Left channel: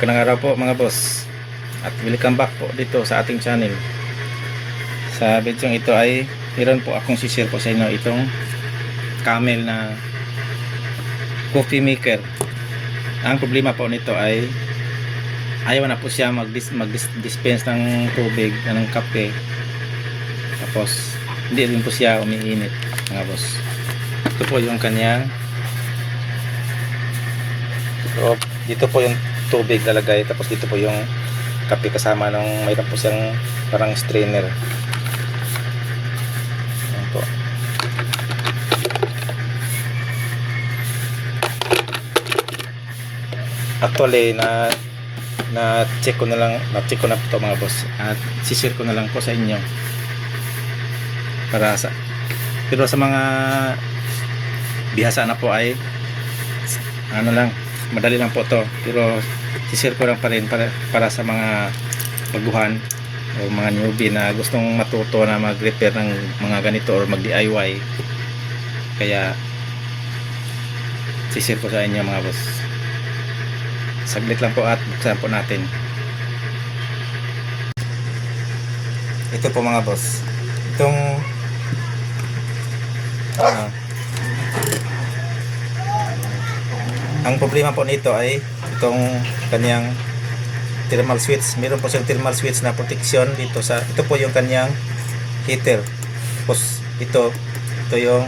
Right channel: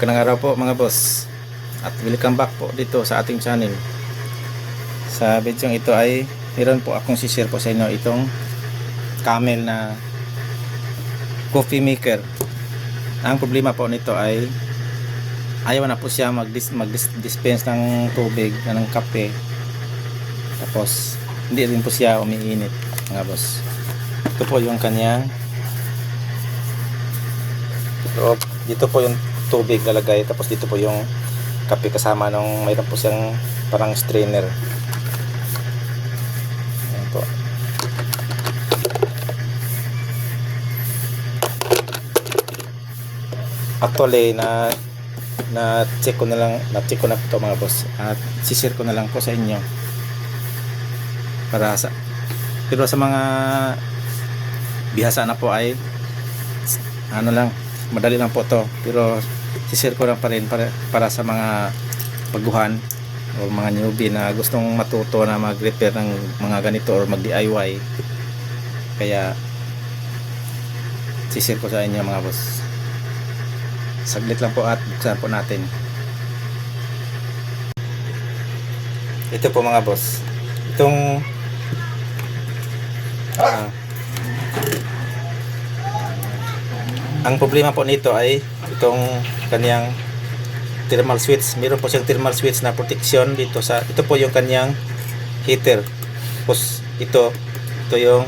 Magandang araw po mga boss, at welcome back po dito sa ating channel. Sa video ito ay meron po akong share po sa inyo itong Camel na coffee maker. Ang problema po nito ay ayaw na po siya mag-dispense ng tubig, ng kape, tapos hindi rin po siya umiinit mga boss. Ito po yung kanyang dito po yung tubig lalagay, tapos dito po yung kape kasama nung mayroon po siyang parang strainer. Ayan po. Actually na check ko na po ito mga boss, at si-share ko na lang po sa inyo para pero sa mga bihasa na po ay ano lang, madali lang po to, pero si-share ko lang pa rin para sa mga baguhan o mga newbie na gustong matuto na mag-repair ng mga ganito or mag-DIY. Kaya si-share ko sa inyo mga boss. Saglit lang po at buksan po natin. Ito po mga boss, itong ang problema po nito ay itong kanyang thermal switch. Meron po siyang thermal switch na protection dito sa, ito po yung kanyang heater. Tapos ito yung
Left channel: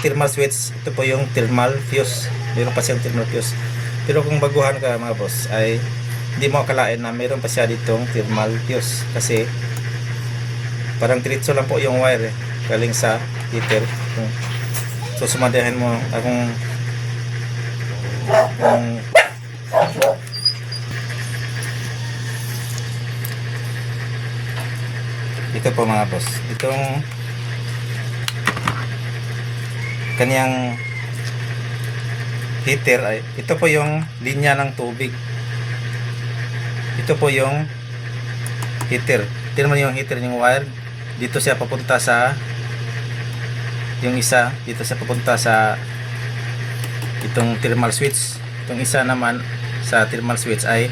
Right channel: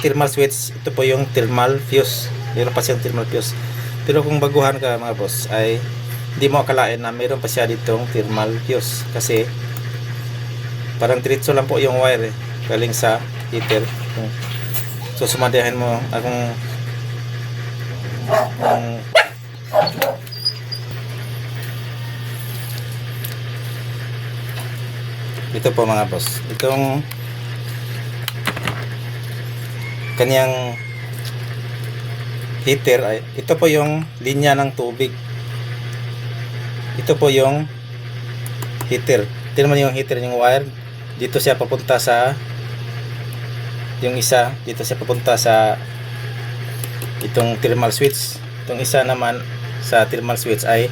thermal switch, ito po yung thermal fuse. Meron pa siyang thermal fuse. Pero kung baguhan ka mga boss ay hindi mo akalain na meron pa siya ditong thermal fuse, kasi parang diretso lang po yung wire galing sa heater. So sumadahin mo akong ito po mga boss, itong kanyang heater ay ito po yung linya ng tubig. Ito po yung heater. Tingnan mo yung heater, yung wire dito siya papunta sa, yung isa dito siya papunta sa itong thermal switch. Itong isa naman sa thermal switch ay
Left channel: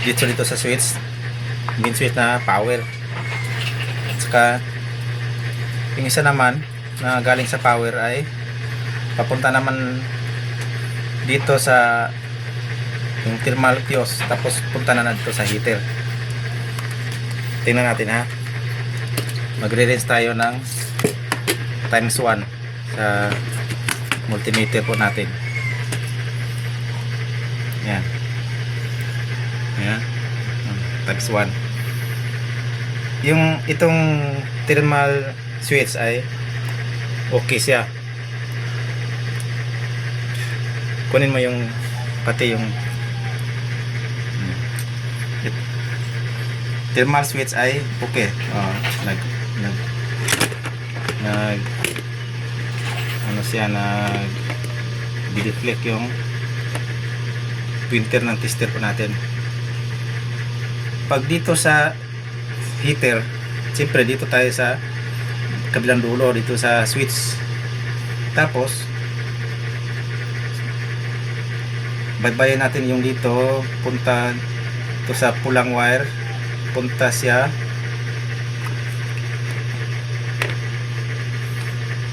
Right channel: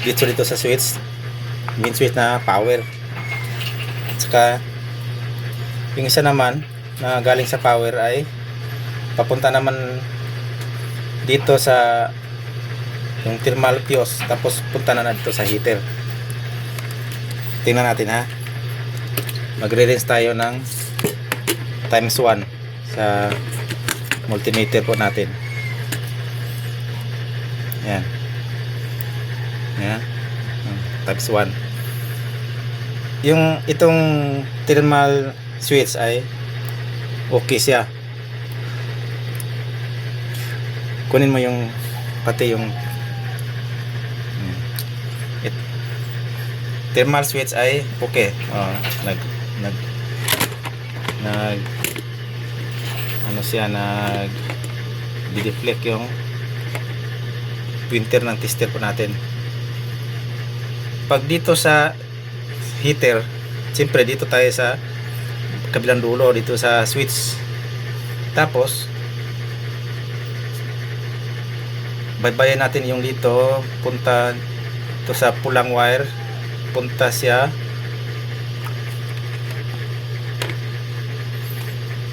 dito sa switch, main switch na power. At saka yung isa naman na galing sa power ay papunta naman dito sa yung thermal fuse, tapos punta na dito sa heater. Tingnan natin ha, magre-rinse tayo ng times 1 sa multimeter po natin. Yan. Yan. Times 1. Yung itong thermal switch ay okay siya. Kunin mo yung pati yung thermal switch ay okay. Ano siya, nag-deflect yung printer ng tester po natin. Pag dito sa heater, siyempre dito tayo sa kabilang dulo, dito sa switch. Tapos baybayin natin yung dito, punta to sa pulang wire, punta siya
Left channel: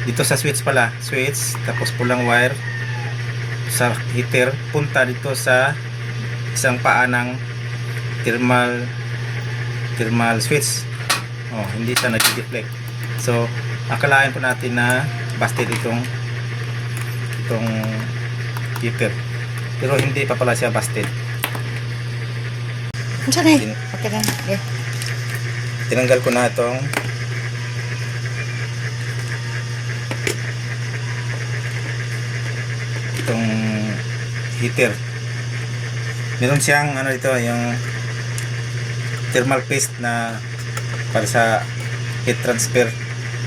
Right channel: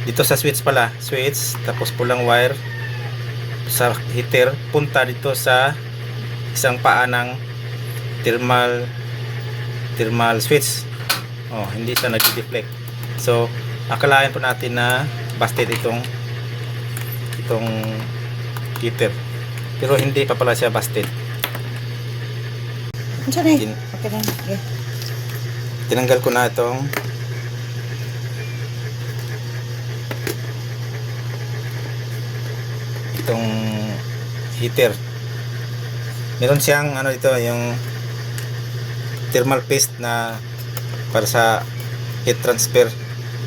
dito sa switch pala, switch, tapos pulang wire sa heater, punta dito sa isang paa ng thermal switch. Hindi siya nag-deflect. So akalain po natin na busted itong heater, pero hindi pa pala siya busted. Okay lang. Okay. Tinanggal ko na itong heater. Meron siyang ano dito, yung thermal paste na para sa heat transfer.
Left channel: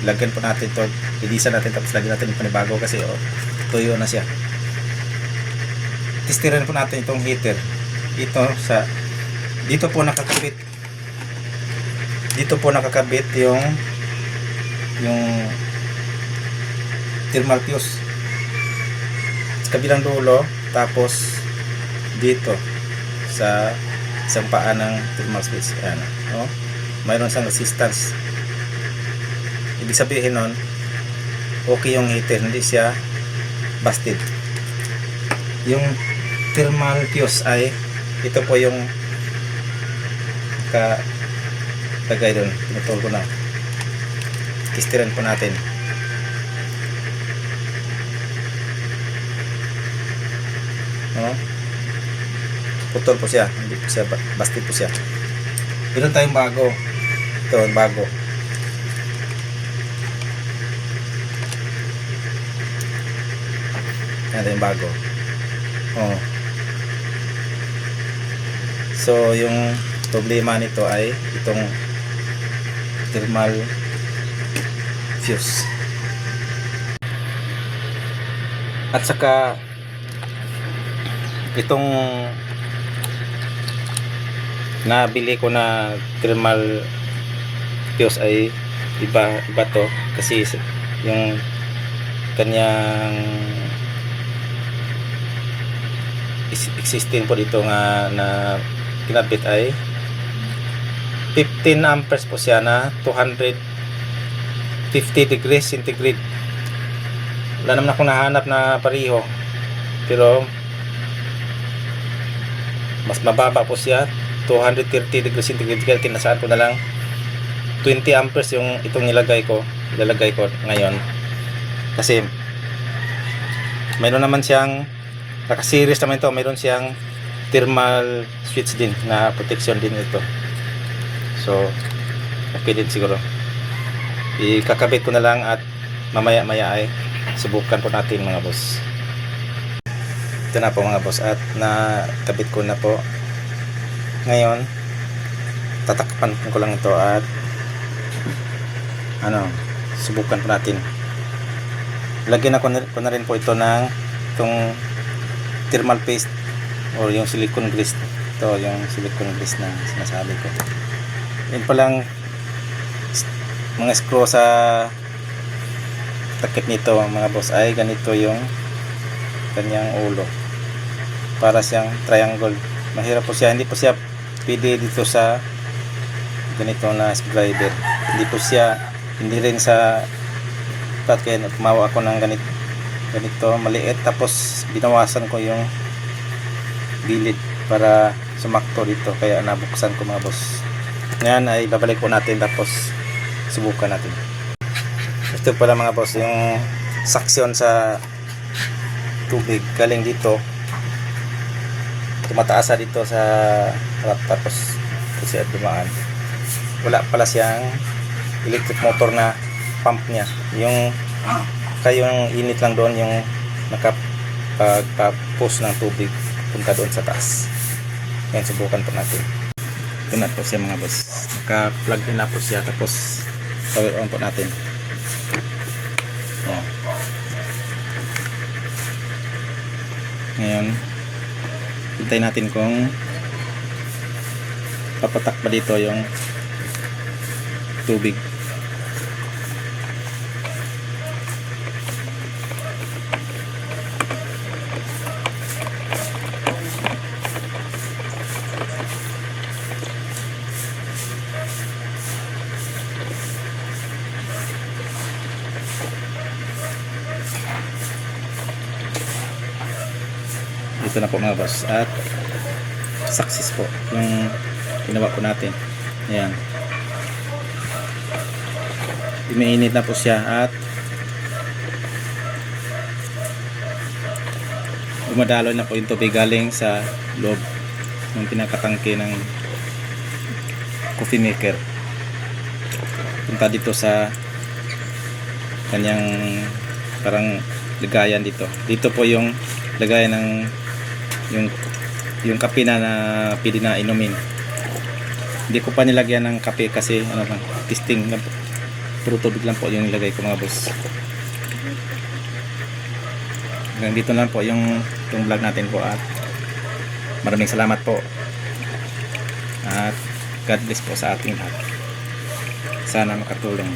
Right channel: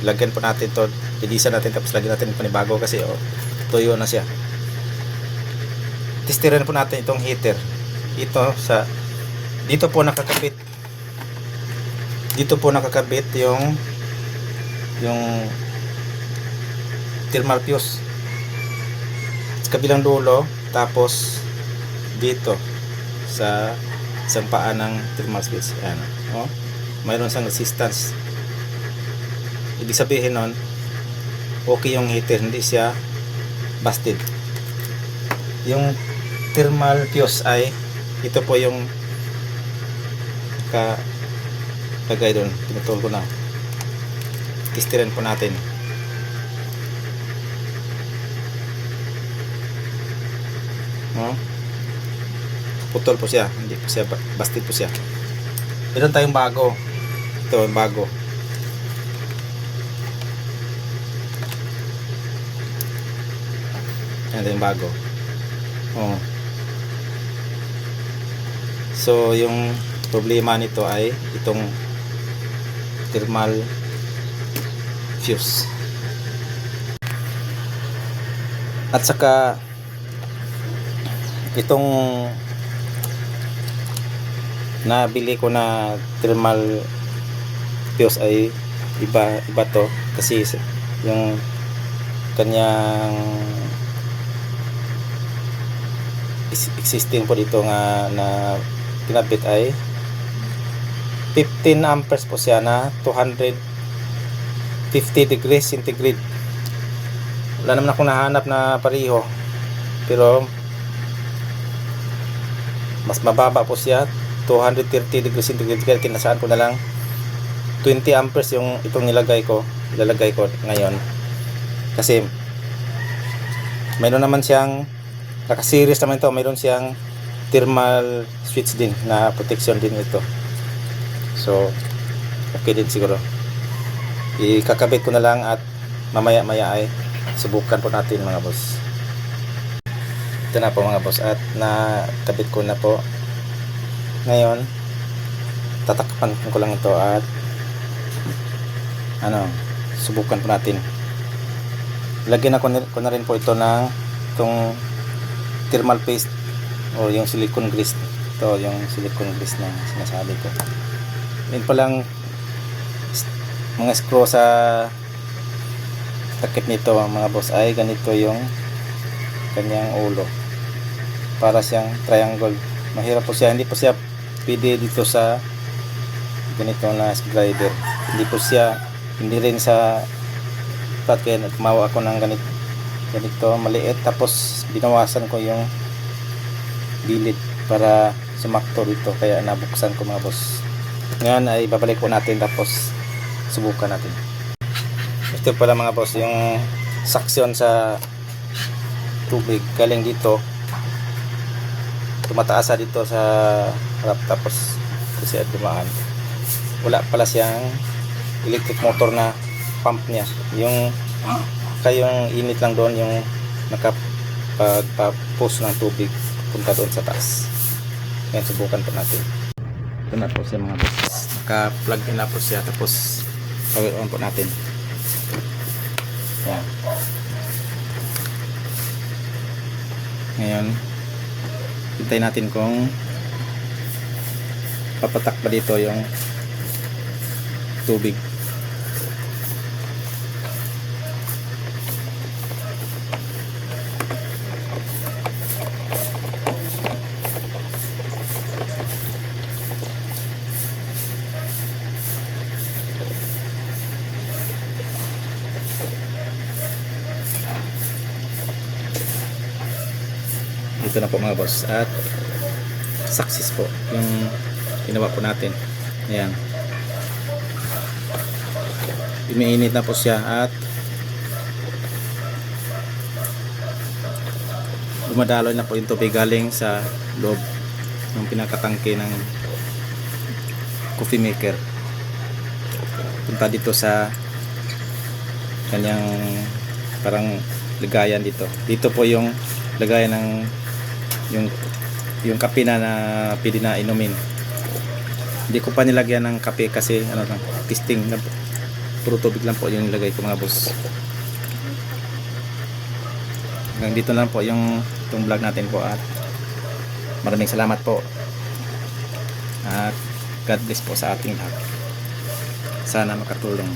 Lagyan po natin to, ilisan natin, tapos lagyan natin yung panibago kasi tuyo na siya. Testerin po natin itong heater. Dito po nakakabit yung thermal fuse sa kabilang dulo, tapos dito sa isang paa ng thermal switch. Ano, oh, mayroon siyang resistance. Ibig sabihin nun, okay yung heater, hindi siya busted. Yung thermal fuse ay ito po yung lagay doon. Pinutol ko na. Istiran po natin. Oh, putol po siya, hindi po siya busted po siya. Meron tayong bago. Ito bago. Yan yung bago. Oh. So yung problema nito ay itong thermal fuse. At saka itong nabili ko na thermal fuse ay iba to kasi yung kanyang existing po dito nga na pinabit ay 15 amperes po siya na 250 degrees centigrade. Wala naman ako nahanap na pareho, pero mas mababa po siya, 230 degrees centigrade, kaya tinasaan ko na lang 20 amperes yung itong ilalagay ko ngayon, kasi mayroon naman siyang naka-series naman ito, mayroon siyang thermal switch din na protection din ito, so okay din siguro. Ikakabit ko na lang at mamaya ay subukan po natin mga boss. Ito na po mga boss, at nakabit ko na po. Ngayon tatakpan ko lang ito at subukan po natin. Lagyan ko na rin po ito ng itong thermal paste o yung silicone grease. Ito yung silicone grease na sinasabi ko. Yan pa lang mga screw sa takip nito mga boss ay ganito yung kanyang ulo, para siyang triangle. Mahirap po siya, hindi po siya pwede dito sa ganito na screwdriver, hindi rin sa flat, kaya gumawa ako ng ganito maliit, tapos binawasan ko yung gilid para sumakto dito, kaya nabuksan ko mga boss. Ngayon ay babalik po natin, tapos subukan natin. Ito pala mga boss yung suction sa tubig galing dito, tumataasa dito sa harap, tapos kasi dumaan. Wala pala siyang electric motor na pump niya, yung kayong init lang doon yung nakapag-push ng tubig punta doon sa taas. Yan, subukan po natin. Ito na po siya mga boss, naka-plug in na po siya, tapos power on po natin. Yan. Ngayon hintayin natin kung papatak pa dito yung tubig. Ito na po mga boss, at success po yung ginawa po natin. Ayan, umiinit na po siya at dumadaloy na po yung tubig galing sa loob ng pinakatangke ng coffee maker punta dito sa kanyang parang lagayan dito. Dito po yung lagayan ng yung kape na pwede na inumin. Hindi ko pa nilagyan ng kape kasi lang, testing lang, puro tubig lang po yung nilagay ko mga boss. Hanggang dito na po yung vlog natin po, at maraming salamat po, at God bless po sa ating lahat. Sana makatulong.